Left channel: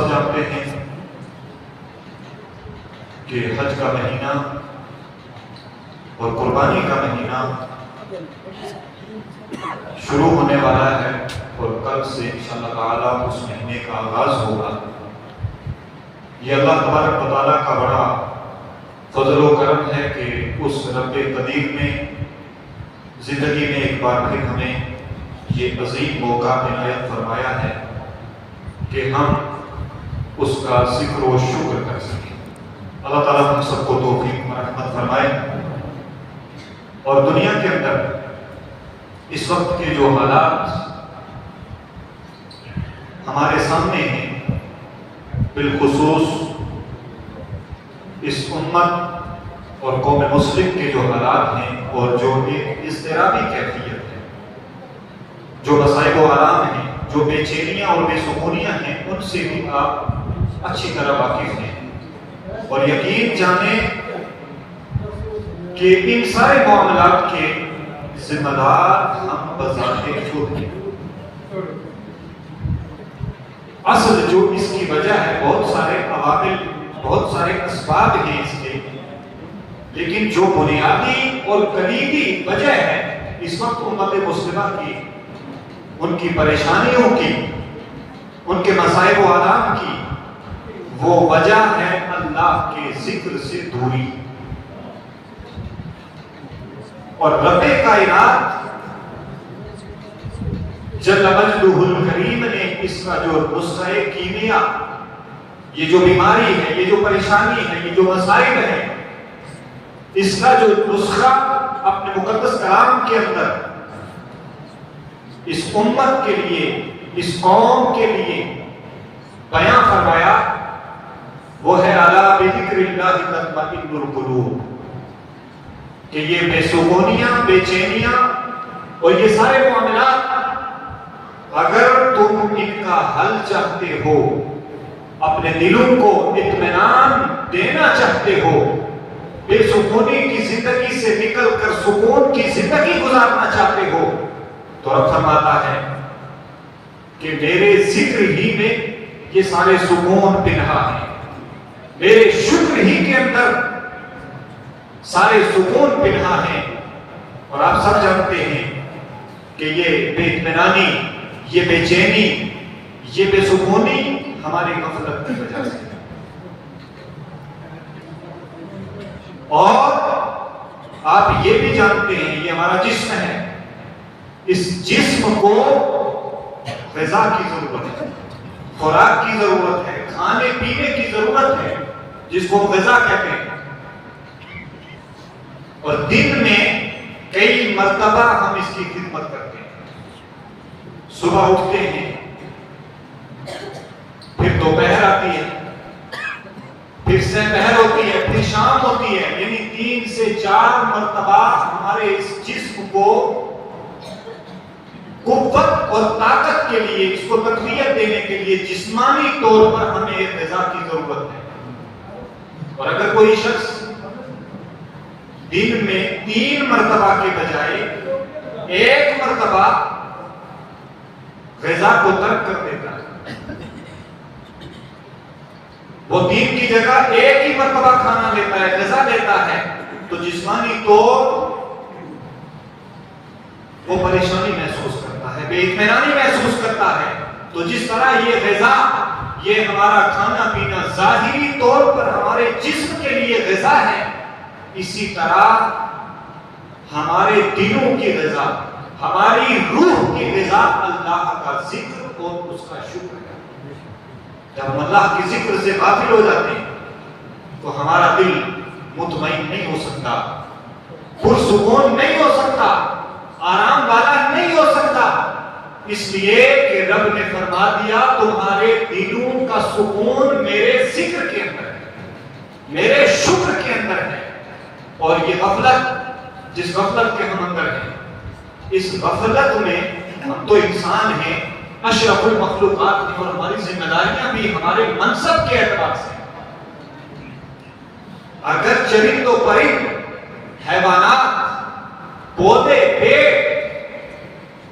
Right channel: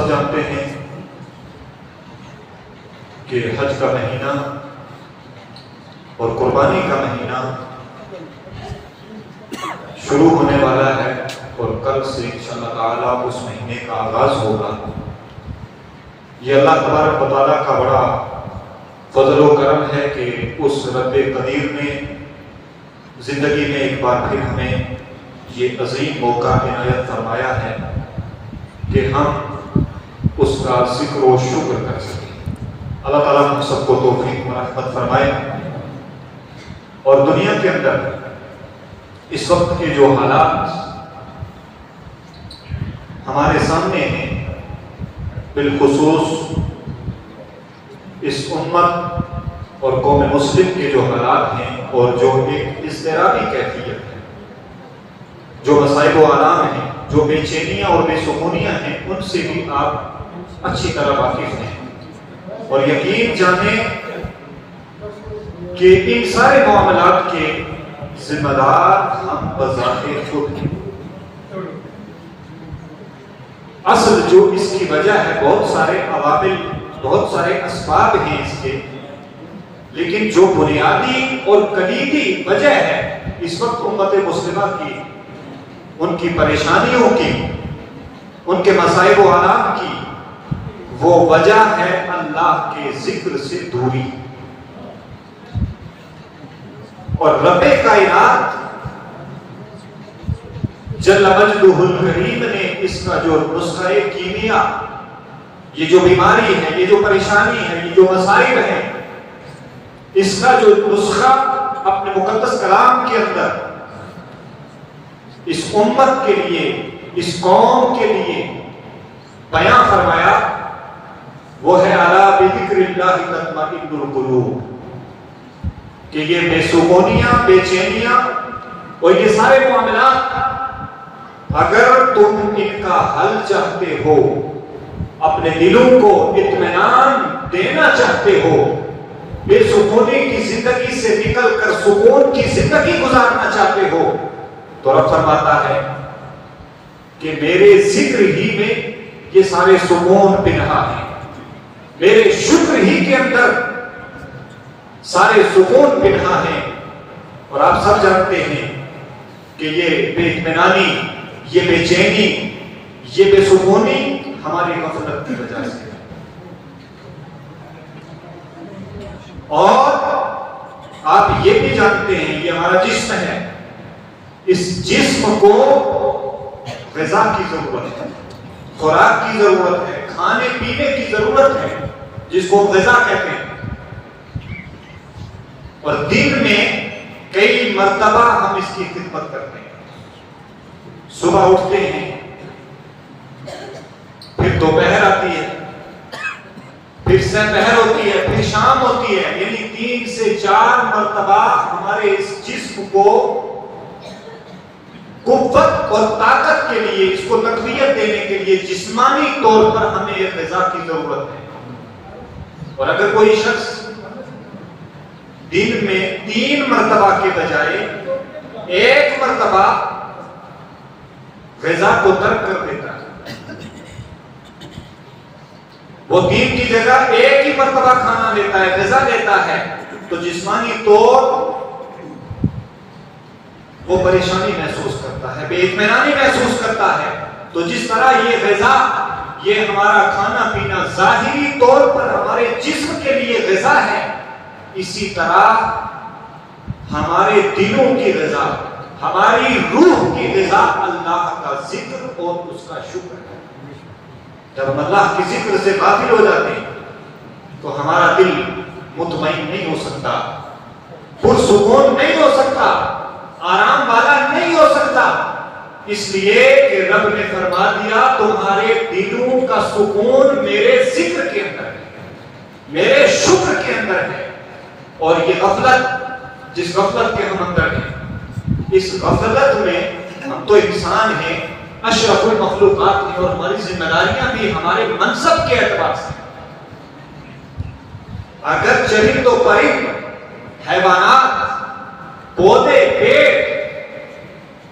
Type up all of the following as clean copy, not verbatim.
سب جانتے ہیں کہ حج کا مہینہ اور قربانی کا مہینہ شروع ہونے والا ہے اور کل سے انشاءاللہ تعالیٰ اس مہینے کا آغاز ہوگا۔ یہ اللہ تبارک و تعالیٰ کا بڑا فضل و کرم ہے کہ اس رب قدیر نے زندگی میں ایک بار پھر ہمیں یہ عظیم موقع عنایت فرمایا ہے کہ ہم اس کا ذکر و شکر کر سکیں۔ اللہ تعالیٰ ہم سب کو توفیق مرحمت فرمائے۔ اور دنیا کے اندر اس وقت کے جو حالات ہمارے سامنے ہیں، بالخصوص اس امت اور قوم مسلم کے جو حالات ہیں اور جو ایک اضطرابی کیفیت ہے، جو مصائب و آلام ہیں، جو بے چینیاں اور بے سکونیاں ہیں، ان سے بھی آپ اچھی طرح واقف ہیں اور یقین جانیں کہ ان سارے معاملات کے ذمہ دار ہم بذات خود ہیں۔ اصل جو اس کی وجہ ہے، بہت سارے عوامل، بہت سارے اسباب ہیں اس کے، لیکن جو بنیادی اور کلیدی وجہ ہے اس وقت امت مسلمہ کی، ان کی پریشانیوں کی، ان کے مصائب و آلام کی، وہ وجہ ہے اللہ کے ذکر سے دوری۔ اور رب کائنات جل مجدہ الکریم نے اس کا جو نسخہ کیمیا، یہ جو بیماری ہے، یہ جو پریشانی ہے، یہ جو مصائب ہے، اس کا جو نسخہ اپنے مقدس کلام کے اندر اس امت کے لیے، اس قوم کے لیے بیان فرمایا، وہ ہے الا بذکر اللہ تطمئن القلوب، کہ یہ بے سکونیاں، بے چینیاں اور یہ سارے معاملات اگر تم ان کا حل چاہتے ہو، اپنے دلوں کو اطمینان دینا چاہتے ہو، بے سکونی کی زندگی سے نکل کر سکون کی زندگی گزارنا چاہتے ہو، تو رب فرماتا ہے کہ میرے ذکر ہی میں یہ سارے سکون پنہا ہیں، میرے شکر ہی کے اندر سارے سکون پنہا ہیں۔ اور آپ سب جانتے ہیں کہ یہ بے اطمینانی، یہ بے چینی، یہ بے سکونی ہماری غفلت کی وجہ سے، اور آپ یہ بھی جانتے ہیں یہ ہمارا جسم ہے، اس جسم کو غذا کی ضرورت ہے، خوراک کی ضرورت ہے، کھانے پینے کی ضرورت ہے، جس کو غذا کہتے ہیں۔ اور دن میں کئی مرتبہ ہم اس کی خدمت کرتے ہیں۔ صبح اٹھتے ہیں، پھر دوپہر آتی ہے، پھر سحر ہوتی ہے، پھر شام ہوتی ہے، یعنی 3 سے 4 مرتبہ ہمارے اس جسم کو قوت اور طاقت کے لیے، اس کو تقویت دینے کے لیے جسمانی طور پر ہمیں ایک غذا کی ضرورت ہے۔ اور اگر کوئی شخص دن میں 3 مرتبہ کے بجائے 1 مرتبہ غذا کو ترک کر دیتا ہے، وہ دن کی جگہ 1 ہی مرتبہ کھانا لیتا ہے، غذا لیتا ہے، تو جسمانی طور وہ پریشانی محسوس کرتا ہے، بے اطمینانی محسوس کرتا ہے۔ تو جس طرح یہ غذا، یہ ہمارا کھانا پینا ظاہری طور پر ہمارے جسم کے لیے غذا ہے، اسی طرح ہمارے دلوں کی غذا، ہماری روح کی غذا اللہ کا ذکر اور اس کا شکر ہے۔ جب ہم اللہ کے ذکر سے غافل ہو جاتے ہیں تو ہمارا دل مطمئن نہیں ہو سکتا، پرسکون نہیں ہو سکتا، آرام والا نہیں ہو سکتا، اس لیے کہ رب نے فرما دیا تمہارے دلوں کا سکون میرے ذکر کے اندر ہے، میرے شکر کے اندر ہے۔ اور یہ غفلت، جس غفلت کے ہم اندر ہیں، اس غفلت میں ہم تو انسان ہیں، اشرف المخلوقات ہیں، اور ہماری ذمہ داریاں بھی ہمارے منصب کے اعتبار سے، اگر چرند و پرند، حیوانات، پودے، پیڑ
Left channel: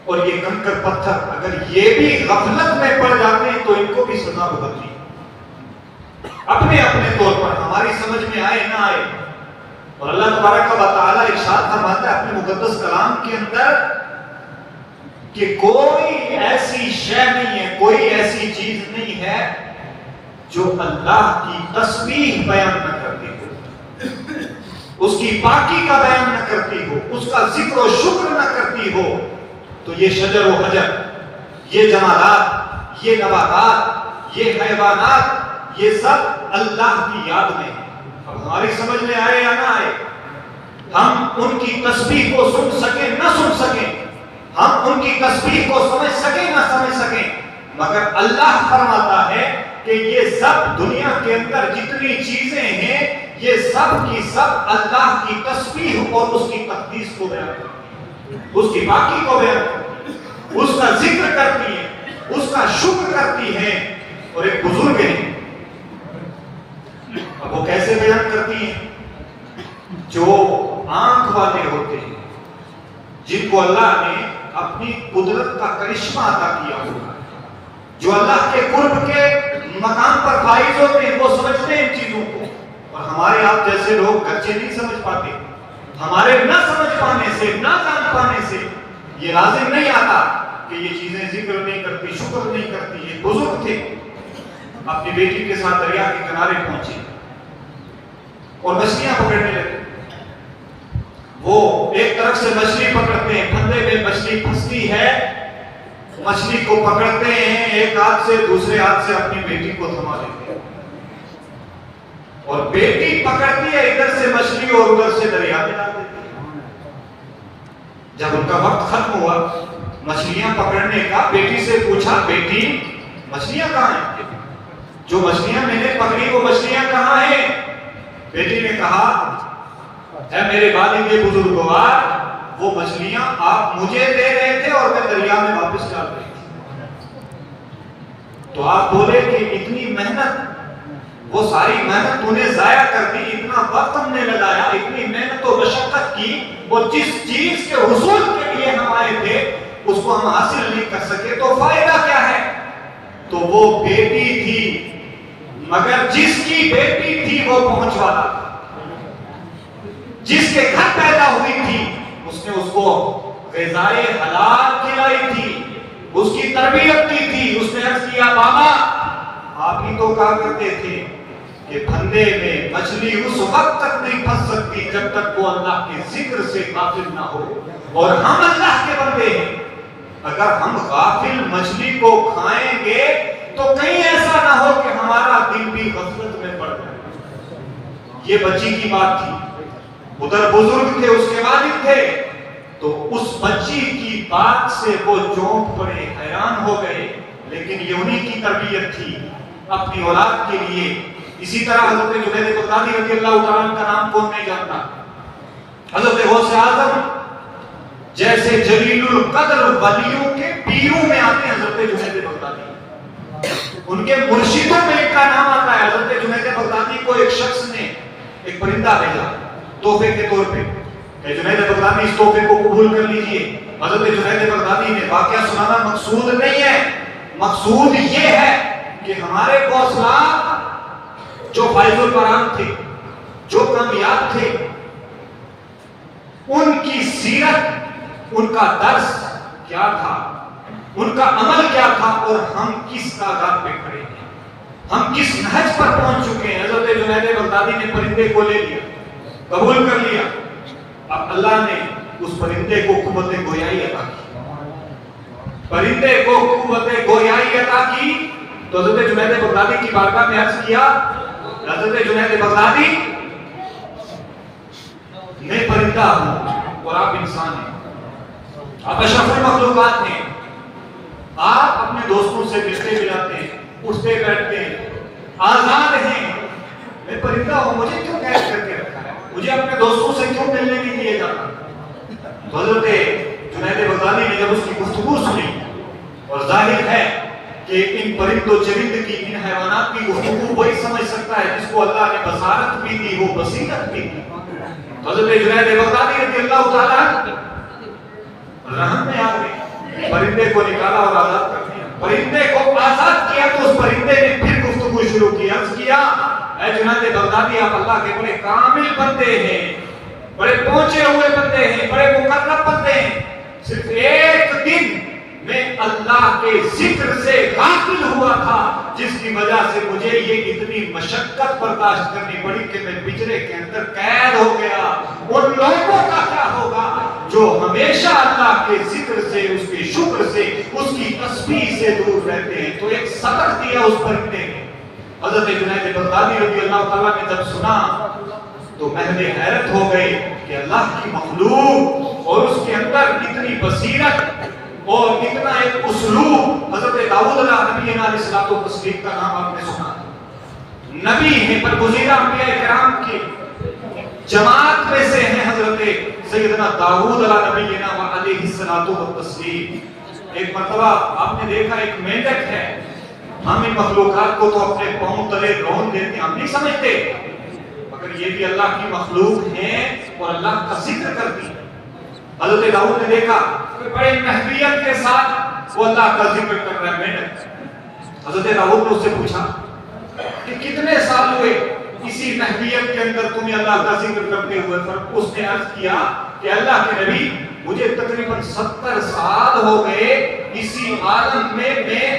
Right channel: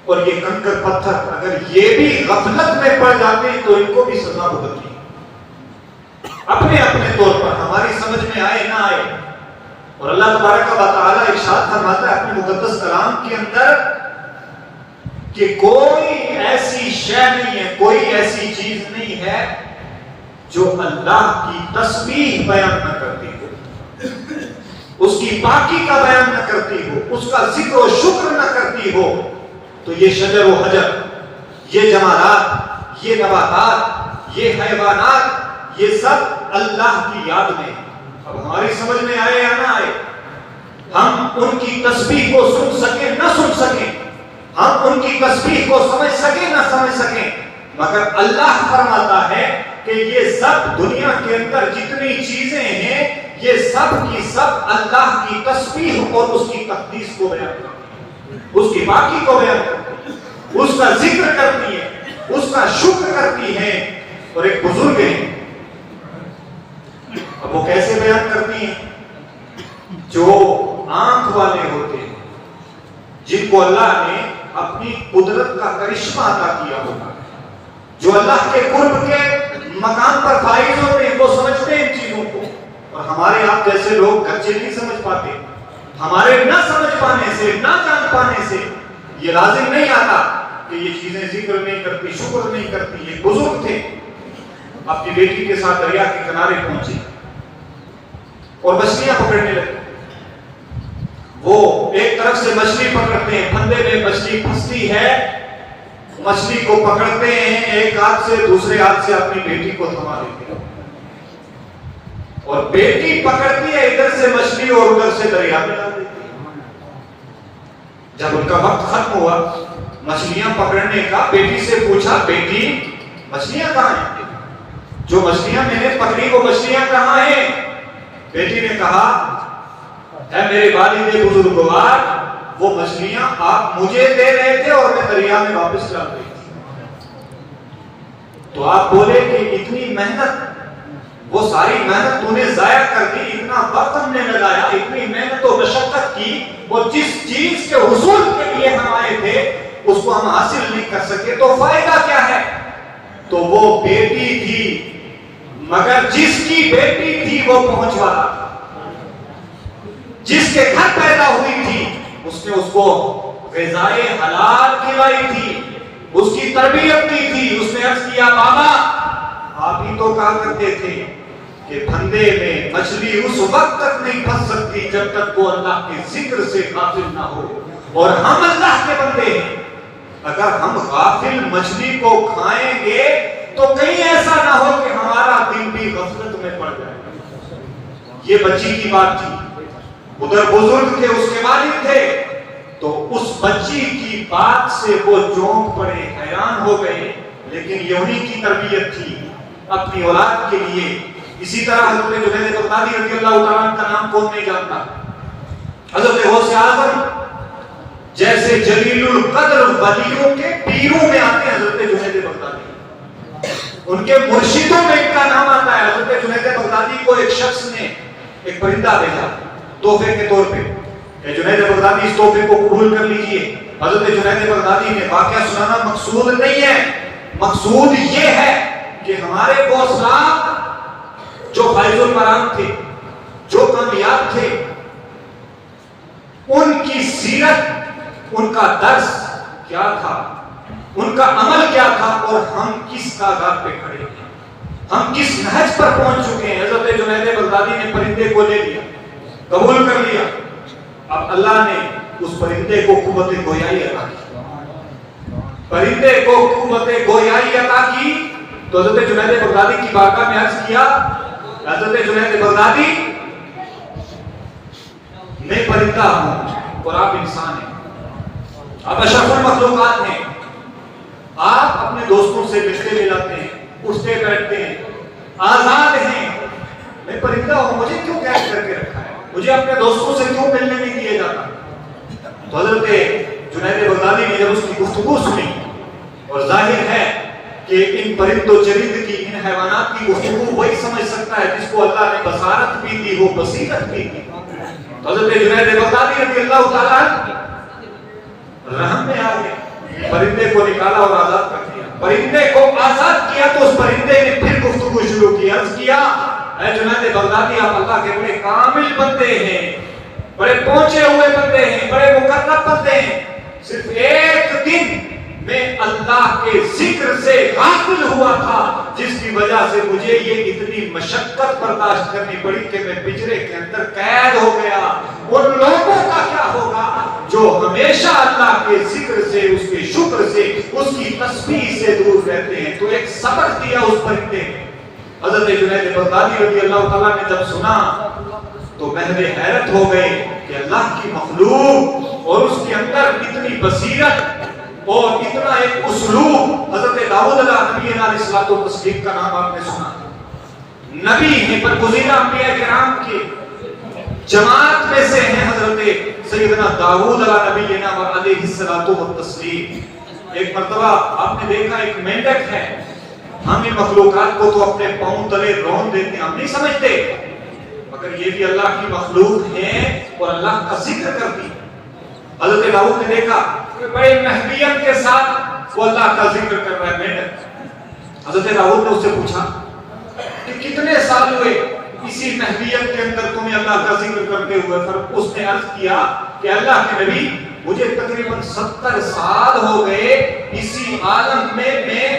اور یہ کنکر پتھر اگر یہ بھی غفلت میں پڑ جاتے ہیں تو ان کو بھی سزا بھگتنی ہے۔ اپنے اپنے طور پر، ہماری سمجھ میں آئے نہ آئے. اور اللہ تبارک و تعالیٰ ارشاد فرماتا ہے اپنے مقدس کلام کے اندر کہ کوئی ایسی شے نہیں ہے، کوئی ایسی چیز نہیں ہے جو اللہ کی تسبیح بیان نہ کرتی ہو، اس کی پاکی کا بیان نہ کرتی ہو، اس کا ذکر و شکر نہ کرتی ہو. تو یہ شجر و حجر، یہ جمالات، یہ نباتات، یہ حیوانات، یہ سب اللہ کی یاد میں ہیں. اب ہماری سمجھ میں آئے یا نہ آئے، ہم ان کی تسبیح کو سن سکیں نہ سن سکیں، ہم ان کی تسبیح کو سمجھ سکیں نہ سمجھ سکیں، مگر اللہ فرماتا ہے کہ یہ سب دنیا کے اندر جتنی چیزیں ہیں یہ سب کی سب اللہ کی تسبیح اور اس کی تقدیس کو بیان کرتی ہیں، اس کی پاکی کو بیان کرتی ہیں، اس کا ذکر کرتی ہیں، اس کا شکر کرتی ہیں. اور ایک بزرگ ہیں، اب وہ کیسے بیان کرتی ہیں؟ جو آنکھ والے ہوتے ہیں، جن کو اللہ نے اپنی قدرت کا کرشمہ عطا کیا ہوگا، جو اللہ کے قرب کے مقام پر فائز ہوتے ہیں، وہ سمجھتے ہیں ان چیزوں کو. اور ہمارے آپ جیسے لوگ گرچہ نہیں سمجھ پاتے، ہمارے نہ سمجھ پانے سے، نہ جان پانے سے یہ لازم نہیں آتا کہ یہ چیزیں ذکر نہیں کرتی، شکر نہیں کرتی. یہ بزرگ تھے، اپنی بیٹی کے ساتھ دریا کے کنارے پہنچے اور مچھلیاں پکڑنے لگے. وہ ایک طرف سے مچھلی پکڑتے ہیں، پھندے میں مچھلی پھنستی ہے، مچھلی کو پکڑتے ہیں ایک ہاتھ سے، دوسرے ہاتھ سے اپنی بیٹی کو تھما لیتے ہیں، اور بیٹی پکڑتی ہے ادھر سے مچھلی اور ادھر سے دریا میں ڈال دیتی ہے. جب ان کا وقت ختم ہوا مچھلیاں پکڑنے کا، بیٹی سے پوچھا، بیٹی مچھلیاں کہاں ہیں؟ جو مچھلیاں میں نے پکڑی وہ مچھلیاں کہاں ہیں؟ بیٹی نے کہا، اے میرے والد بزرگوار، وہ مچھلیاں آپ مجھے دے رہے تھے اور میں دریا میں واپس ڈال رہی تھی. تو آپ بولے کہ اتنی محنت، وہ ساری محنت تو نے ضائع کر دی، اتنا وقت ہم نے لگایا، اتنی محنت و مشقت کی، اور جس چیز کے حصول کے لیے ہم آئے تھے اس کو ہم حاصل نہیں کر سکے، تو فائدہ کیا ہے؟ تو وہ بیٹی تھی، مگر جس کی بیٹی تھی وہ پہنچ والا تھا، جس کے گھر پیدا ہوئی تھی اس نے اس کو غذائے حلال کھلائی تھی، اس کی تربیت کی تھی. اس نے عرض کیا، بابا آپ ہی تو کہا کرتے تھے کہ پھندے میں مچھلی اس وقت تک نہیں پھنس سکتی جب تک وہ اللہ کے ذکر سے غافل نہ ہو. اور ہم اللہ کے بندے ہیں، اگر ہم غافل مچھلی کو کھائیں گے تو کہیں ایسا نہ ہو کہ ہمارا دل بھی غفلت میں پڑ جائے. یہ بچی کی بات تھی، ادھر بزرگ تھے، اس کے والد تھے، تو اس بچی کی بات سے وہ چونک پڑے، حیران ہو گئے. لیکن یہ انہی کی تربیت تھی اپنی اولاد کے لیے. اسی طرح حضرت جنید بغدادی رضی اللہ تعالیٰ کا نام کون نہیں جانتا؟ حضرت غوث اعظم جیسے جلیل القدر ولیوں کے پیروں میں آتے ہیں حضرت جنید بغدادی، ان کے مرشدوں میں ان کا نام آتا ہے. حضرت جنید بغدادی کو ایک شخص نے ایک پرندہ بھیجا تحفے کے طور پہ کہ جنید بغدادی اس تحفے کو قبول کر لیجئے. حضرت جنید بغدادی نے واقعہ سنانا مقصود نہیں ہے، مقصود یہ ہے کہ ہمارے غوث جو فائز البرام تھے، جو کامیاب تھے، ان کی سیرت، ان کا درس کیا تھا، ان کا عمل کیا تھا، اور ہم کس تعداد پہ کھڑے ہیں، ہم کس نہج پر پہنچ چکے ہیں. حضرت جنید بغدادی نے پرندے کو لے لیا، قبول کر لیا. اب اللہ نے اس پرندے کو قوت گویائی عطا کی، پرندے کو قوت گویائی عطا کی. تو حضرت جنید بغدادی کی بارگاہ میں عرض کیا، حضرت جنید بغدادی میں پرندہ ہوں اور آپ انسان ہیں، آپ اشرف المخلوقات ہیں، آپ اپنے دوستوں سے ملتے ملاتے ہیں، اٹھتے بیٹھتے ہیں، آزاد ہیں. میں پرندہ ہوں، مجھے کیوں قید کر کے رکھا ہے، مجھے اپنے دوستوں سے کیوں ملنے نہیں دیا جاتا؟ تو حضرت جنید بغدادی نے جب اس کی گفتگو سنی، اور ظاہر ہے کہ ان پرند و چرند کی، ان حیوانات کی گفتگو وہی سمجھ سکتا ہے جس کو اللہ نے بصارت بھی دی ہو، بصیرت بھی دی. حضرت جنید بغدادی رضی اللہ تعالیٰ رحم میں آ گئے، پرندے کو نکالا اور آزاد کر دیا. پرندے کو آزاد کیا تو اس پرندے نے پھر گفتگو شروع کی، عرض کیا، اے جنید بغدادی آپ اللہ کے بڑے کامل بندے ہیں، بڑے پہنچے ہوئے بندے ہیں، بڑے مقرب بندے ہیں، صرف ایک دن میں اللہ کے ذکر سے غافل ہوا تھا جس کی وجہ سے مجھے یہ اتنی مشقت برداشت کرنی پڑی کہ میں پنجرے کے اندر قید ہو گیا۔ ان لوگوں کا کیا ہوگا جو ہمیشہ اللہ کے ذکر سے، اس کے شکر سے، اس کی تسبیح سے دور رہتے ہیں؟ تو ایک سبق دیا اس پرندے نے۔ حضرت جنید بغدادی رضی اللہ تعالیٰ نے جب سنا تو محو حیرت ہو گئے کہ اللہ کی مخلوق اور اس کے اندر اتنی بصیرت اور اتنا ایک اسلوب۔ حضرت داؤد علیہ السلام و تسلیم کا نام آپ نے سنا، نبی ہیں، برگزیدہ انبیاء کرام کی جماعت میں سے ہیں حضرت سیدنا داؤد علیہ السلام و تسلیم۔ ایک مرتبہ آپ نے دیکھا ایک مینڈک ہے، ہم ان مخلوقات کو تو اپنے پاؤں تلے رون دیتے ہیں، ہم نہیں سمجھتے، مگر یہ بھی اللہ کی مخلوق ہیں اور اللہ کا ذکر کرتی ہے۔ حضرت داؤد نے دیکھا بڑے محبیت کے ساتھ وہ اللہ کا ذکر کر رہا ہے مینڈک۔ حضرت داؤد نے اس سے پوچھا کہ کتنے سال ہوئے اسی محبیت کے اندر تمہیں اللہ کا ذکر کرتے ہوئے؟ پھر اس نے عرض کیا کہ اللہ کے نبی مجھے تقریباً 70 سال ہو گئے اسی عالم میں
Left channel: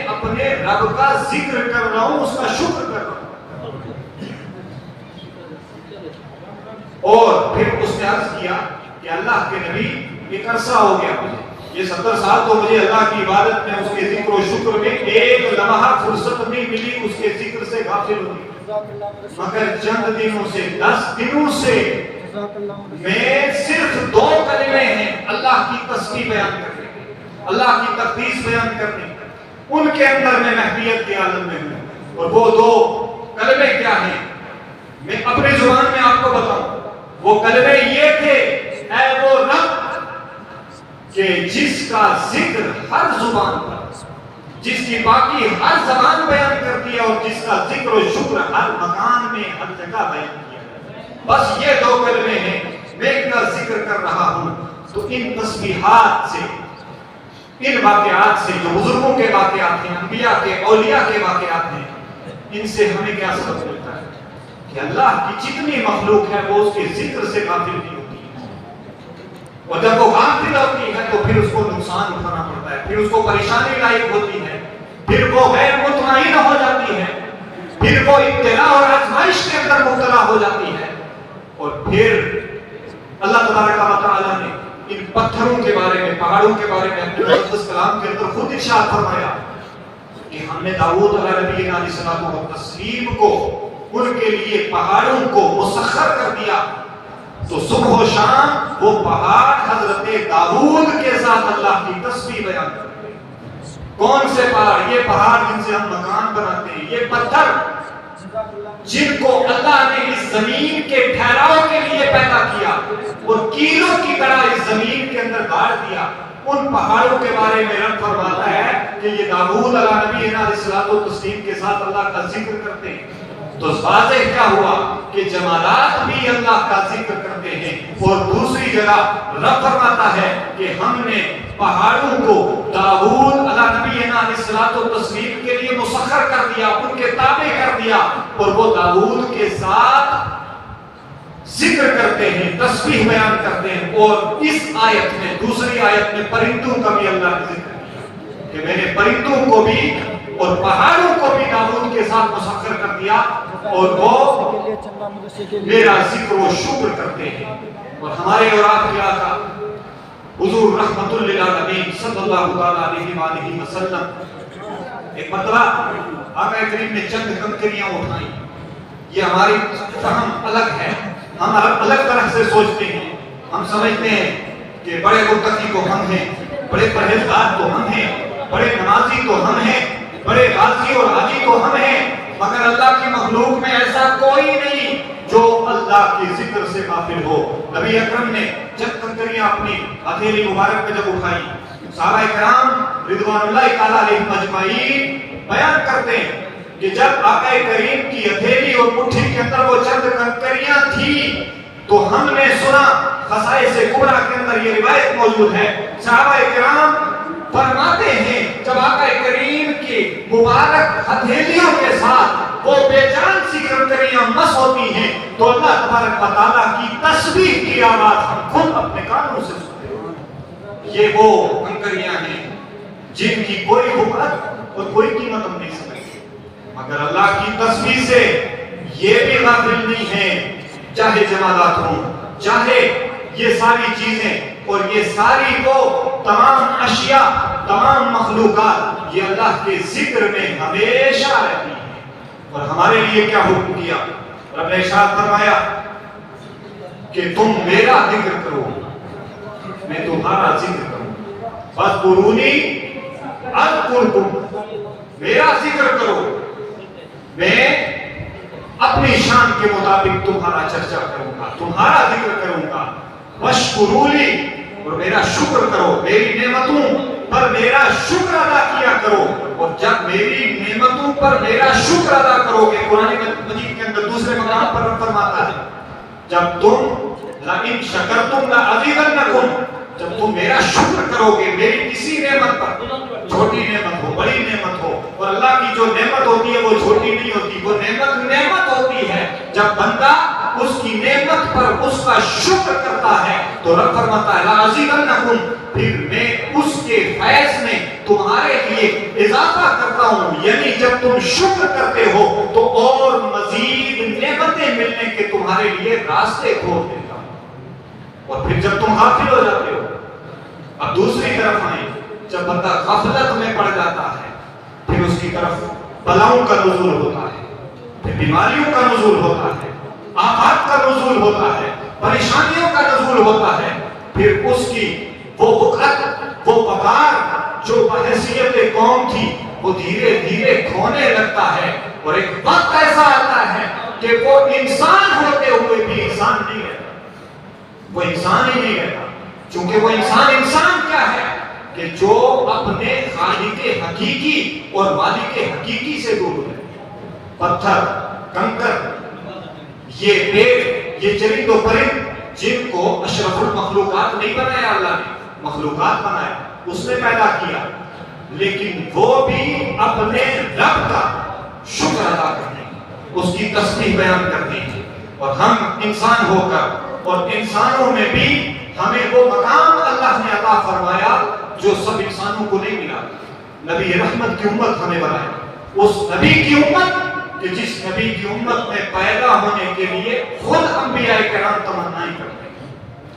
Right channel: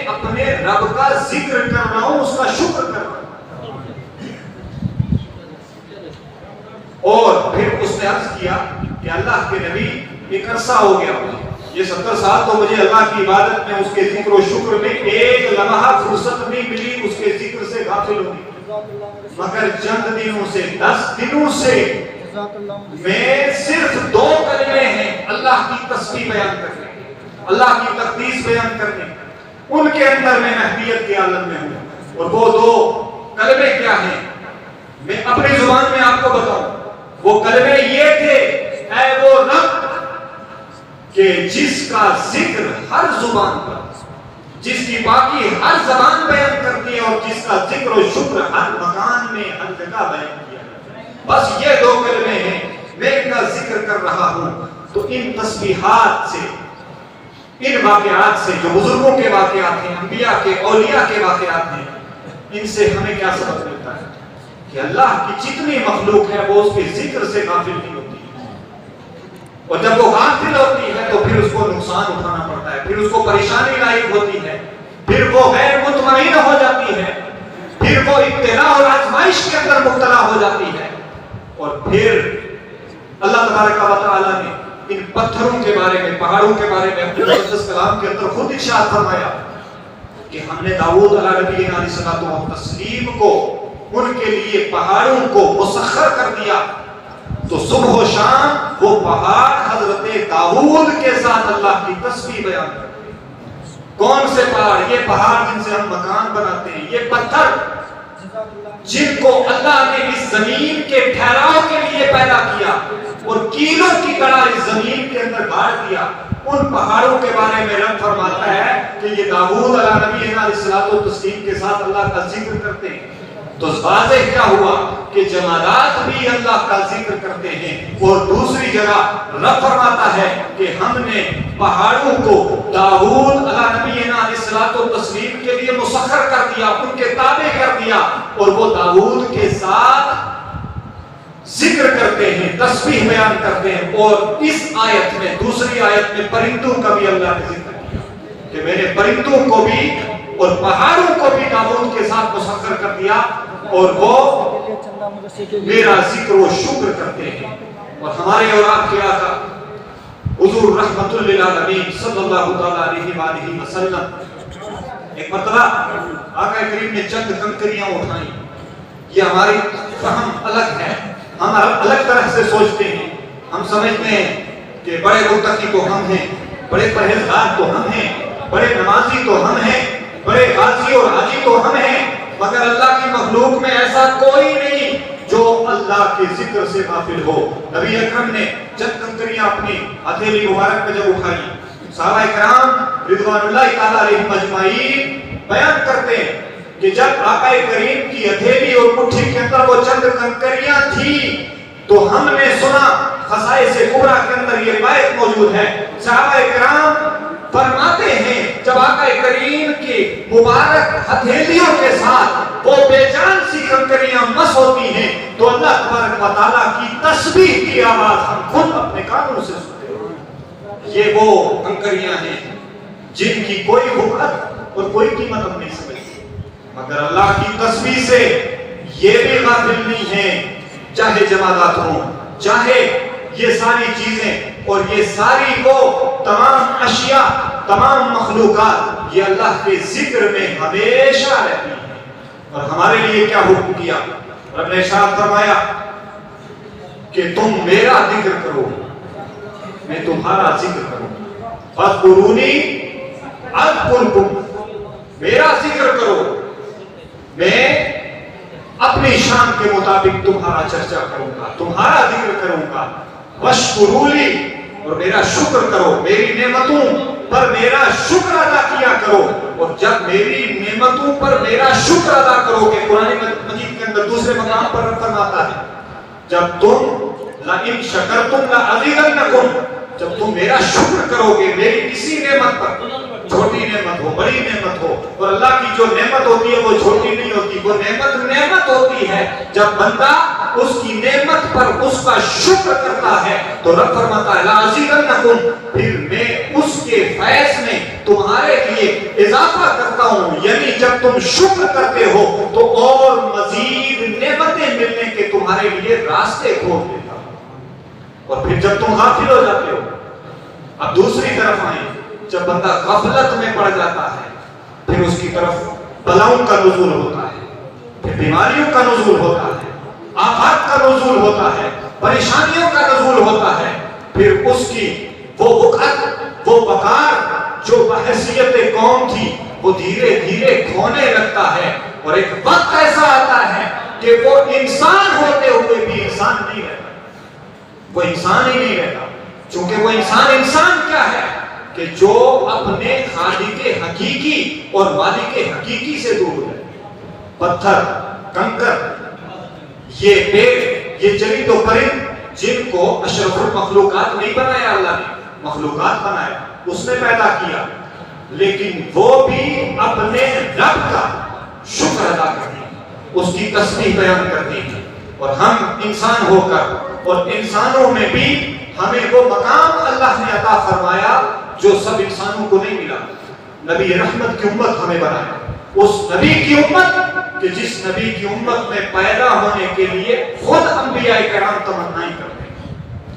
اپنے رب کا ذکر کر رہا ہوں، اس کا شکر کر رہا ہوں۔ اور پھر اس نے عرض کیا کہ اللہ کے نبی ایک عرصہ ہو گیا مجھے، یہ 70 سال تو مجھے اللہ کی عبادت میں، اس کے ذکر و شکر میں ایک لمحہ فرصت نہیں ملی اس کے ذکر سے غافل ہونے، مگر چند دنوں سے، 10 دنوں سے میں صرف 2 کلمے ہیں اللہ کی تسبیح بیان کرنے، اللہ کی تقدیس بیان کرنے، ان کے اندر میں محبیت کے عالم میں ہوں۔ اور وہ 2 کلمے کیا ہیں؟ میں اپنی زبان میں آپ کو بتاؤں، وہ کلمے یہ تھے، اے وہ رب کہ جس کا ذکر ہر زبان پر، جس کی باقی ہر زبان بیان کرتی ہے، اور جس کا ذکر و شکر ہر مکان میں، ہر جگہ بیان کیا ہے، بس یہ 2 کلمے ہیں، میں ان کا ذکر کر رہا ہوں۔ تو ان تسبیحات سے، ان واقعات سے جو بزرگوں کے واقعات ہیں، انبیاء کے، اولیاء کے واقعات ہیں، ان سے ہمیں کیا سبق ملتا ہے کہ اللہ کی جتنی مخلوق ہے وہ اس کے ذکر سے غافل نہیں ہوتی، اور جب وہ غافل ہوتی ہے تو پھر اس کو نقصان اٹھانا پڑتا ہے، پھر اس کو پریشانی لاحق ہوتی ہے، پھر وہ غیر مطمئن ہو جاتی ہے، پھر وہ ابتلا اور آزمائش کے اندر مبتلا ہو جاتی ہے۔ اور پھر اللہ تبارک و تعالیٰ نے ان پتھروں کے بارے میں، پہاڑوں کے بارے میں اپنے مقدس کلام کے اندر خود ارشاد فرمایا کہ ہم نے داؤد علیہ السلام و تسلیم کو، ان کے لیے پہاڑوں کو مسخر کر دیا، تو صبح و شام وہ پہاڑ حضرت داؤد کے ساتھ اللہ کی تسبیح بیان کرتے ہیں۔ کون سے پہاڑ؟ یہ پہاڑ جن سے ہم مکان بناتے ہیں، یہ پتھر جن کو اللہ نے اس زمین کے ٹھہراؤ کے لیے پیدا کیا اور کیلوں کی طرح اس زمین کے اندر گاڑ دیا، ان پہاڑوں کے بارے میں رب فرماتا ہے کہ یہ داؤد علیہ السلام و تسلیم کے ساتھ اللہ کا ذکر کرتے ہیں۔ تو واضح کیا ہوا کہ جمادات بھی اللہ کا ذکر کرتے ہیں۔ اور دوسری جگہ رب فرماتا ہے کہ ہم نے پہاڑوں کو داؤد علیہ السلام و تسلیم کے لیے مسخر کر دیا، ان کے تابع کر دیا، اور وہ داؤد کے ساتھ ذکر کرتے ہیں، تسبیح بیان کرتے ہیں۔ اور اس آیت میں، دوسری آیت میں پرندوں کا بھی اللہ کا ذکر ہے کہ میں نے پرندوں کو بھی اور پہاڑوں کو بھی داؤد کے ساتھ مسخر کر دیا، اور وہ میرا ذکر و شکر کرتے ہیں۔ اور ہمارے اور آپ کے آقا حضور رحمت للعالمین صلی اللہ علیہ وآلہ وسلم ایک مرتبہ آقا کریم نے چند کنکریاں اٹھائیں۔ یہ ہماری فہم الگ ہے، ہم الگ طرح سے سوچتے ہیں، ہم سمجھتے ہیں کہ بڑے متقی تو ہم ہیں، بڑے پرہیزگار تو ہم ہیں، بڑے نمازی تو ہم ہیں، بڑے غازی اور حاجی تو ہم ہیں، مگر اللہ کی مخلوق میں ایسا کوئی نہیں جو اللہ کے ذکر سے غافل ہو۔ نبی اکرم نے جب کنکریاں اپنی ہتھیلی مبارک میں جب اٹھائی، صحابہ کرام رضوان اللہ تعالیٰ علیہم اجمعین بیان کرتے ہیں کہ جب آقا کریم کی ہتھیلی اور مٹھی کے اندر وہ چند کنکریاں تھی تو ہم نے سنا، خصائص کبریٰ کے اندر یہ روایت موجود ہے، صحابہ کرام فرماتے ہیں جب آقا کریم کی مبارک ہتھیلیوں کے ساتھ وہ بے جان سی کنکریاں ہوتی ہیں تو اللہ تبارک و تعالیٰ کی تسبیح کی آواز ہم خود اپنے کانوں سے سنتے ہیں۔ یہ وہ کنکریاں ہیں جن کی کوئی حکمت اور کوئی قیمت ہم نہیں سمجھتے، مگر اللہ کی تسبیح سے یہ بھی غافل نہیں ہے، چاہے جمادات ہوں، چاہے یہ ساری چیزیں اور یہ ساری وہ تمام اشیاء، تمام مخلوقات، یہ اللہ کے ذکر میں ہمیشہ رہتی ہیں۔ اور ہمارے لیے کیا حکم کیا؟ رب نے ارشاد فرمایا کہ تم میرا ذکر کرو، میں تمہارا ذکر کروں، فاذکرونی اذکرکم، میرا ذکر کرو، میں اپنی شان کے مطابق تمہارا چرچا کروں گا، تمہارا ذکر کروں گا، واشکرولی، اور میرا شکر کرو، میری نعمتوں پر میرا شکر ادا کیا کرو۔ اور جب میری نعمتوں پر میرا شکر ادا کرو گے، قرآن مجید کے اندر دوسرے مقام پر فرماتا ہے جب تم لئن شکرتم لأزیدنکم، جب تم میرا شکر کرو گے میری کسی نعمت پر، چھوٹی نعمت ہو بڑی نعمت ہو، اور اللہ کی جو نعمت ہوتی ہے وہ چھوٹی نہیں ہوتی، وہ نعمت ہوتی ہے، جب بندہ اس کی نعمت پر اس کا شکر کرتا ہے تو رب فرماتا ہے لأزیدنکم، پھر میں اس کے فیض میں تمہارے لیے اضافہ کرتا ہوں، یعنی جب تم شکر کرتے ہو تو اور مزید نعمتیں ملنے کے تمہارے لیے راستے کھول دیتا ہوں۔ اور پھر جب تم غافل ہو جاتے ہو، اب دوسری طرف آئیں، جب بندہ غفلت میں پڑ جاتا ہے پھر اس کی طرف بلاؤں کا نزول ہوتا ہے، پھر بیماریوں کا نزول ہوتا ہے، آفات کا نزول ہوتا ہے، پریشانیوں کا نزول ہوتا ہے، پھر اس کی وہ وقت، وہ وقار جو بحیثیت قوم تھی وہ دھیرے دھیرے کھونے لگتا ہے، اور ایک وقت ایسا آتا ہے کہ وہ انسان ہوتے ہوئے بھی انسان نہیں رہتا، وہ انسان ہی نہیں رہتا، چونکہ وہ انسان کیا ہے کہ جو اپنے خالق حقیقی اور مالک حقیقی سے دور ہے۔ پتھر، کنکر، یہ پیڑ، یہ چرند و پرند جن کو اشرف المخلوقات نہیں بنایا اللہ نے، مخلوقات بنایا، اس نے پیدا کیا، لیکن وہ بھی اپنے رب کا شکر ادا کرتے ہیں، اس کی تسبیح بیان کرتے ہیں۔ اور ہم انسان ہو کر اور انسانوں میں بھی ہمیں وہ مقام اللہ نے عطا فرمایا جو سب انسانوں کو نہیں ملا۔ نبی رحمت کی امت ہمیں بنایا، اس نبی کی امت کہ جس نبی کی امت میں پیدا ہونے کے لیے خود انبیاء کرام تمنائیں کرتے ہیں،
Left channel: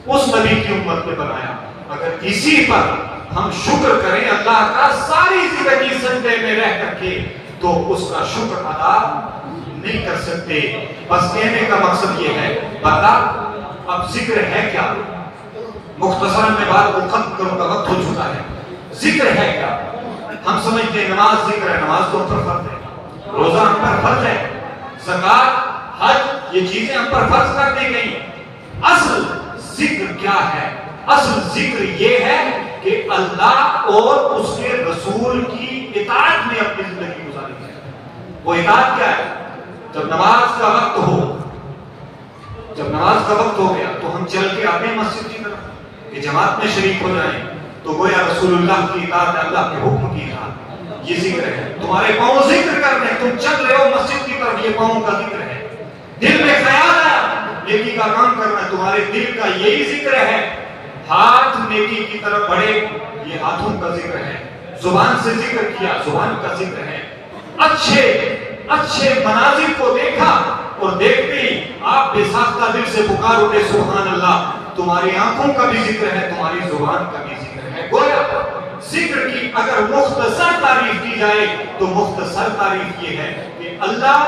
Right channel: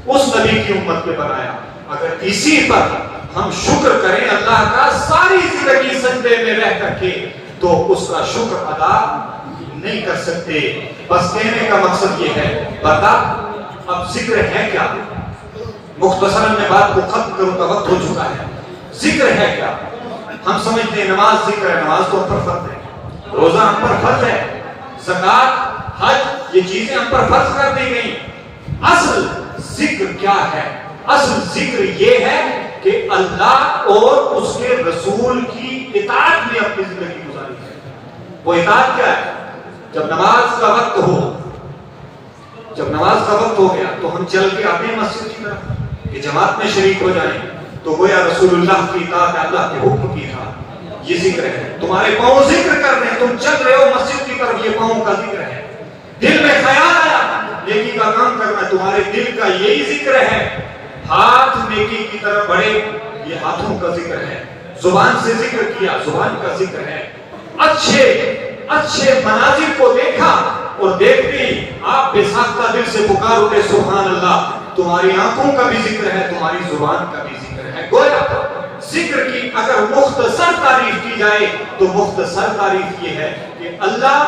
اس نبی کی امت میں بنایا۔ اگر اسی پر ہم شکر کریں اللہ کا ساری زندگی سجدے میں رہ کر کے تو اس کا شکر ادا نہیں کر سکتے۔ بس کہنے کا مقصد یہ ہے، بتا اب ذکر ہے کیا؟ مختصر میں بات کو ختم کروں کا وقت ہو چکا ہے۔ ذکر ہے کیا؟ ہم سمجھتے ہیں نماز ذکر ہے، نماز تو ہم پر فرض ہے، روزہ ہم پر فرض ہے، زکات، حج، یہ چیزیں ہم پر فرض کر دی گئی۔ اصل ذکر کیا ہے؟ اصل ذکر یہ ہے کہ اللہ اور اس کے رسول کی اطاعت میں اپنی زندگی گزاری ہے۔ وہ اطاعت کیا ہے؟ جب نماز کا وقت ہو، جب نماز کا وقت ہو گیا تو ہم چل کے اپنی مسجد کی طرف کہ جماعت میں شریک ہو جائیں، تو گویا رسول اللہ کی اطاعت ہے، اللہ کے حکم کی اطاعت، یہ ذکر ہے۔ تمہارے پاؤں ذکر کر رہے ہیں، تم چل رہے ہو مسجد کی طرف، یہ پاؤں کا ذکر ہے۔ دل میں خیال آیا نیکی کا کام کرنا، تمہارے دل کا یہی ذکر ہے۔ ہاتھ نیکی کی طرف بڑھے، یہ ہاتھوں کا ذکر ہے۔ زبان سے ذکر کیا، زبان کا ذکر ہے۔ اچھے مناظر کو دیکھا اور دیکھتے ہی آپ بے ساختہ دل سے پکار اٹھے سبحان اللہ، تمہاری آنکھوں کا بھی ذکر ہے، تمہاری زبان کا بھی ذکر ہے۔ گویا ذکر کی اگر مختصر تعریف کی جائے تو مختصر تعریف یہ ہے کہ اللہ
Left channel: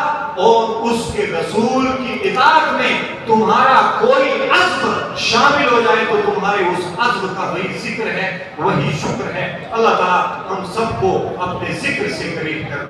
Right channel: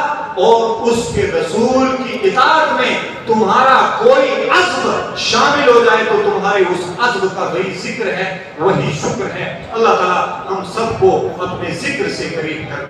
اور اس کے رسول کی اطاعت میں تمہارا کوئی عزم شامل ہو جائے تو تمہارے اس عزم کا وہی ذکر ہے، وہی شکر ہے۔ اللہ تعالیٰ ہم سب کو اپنے ذکر سے قریب کر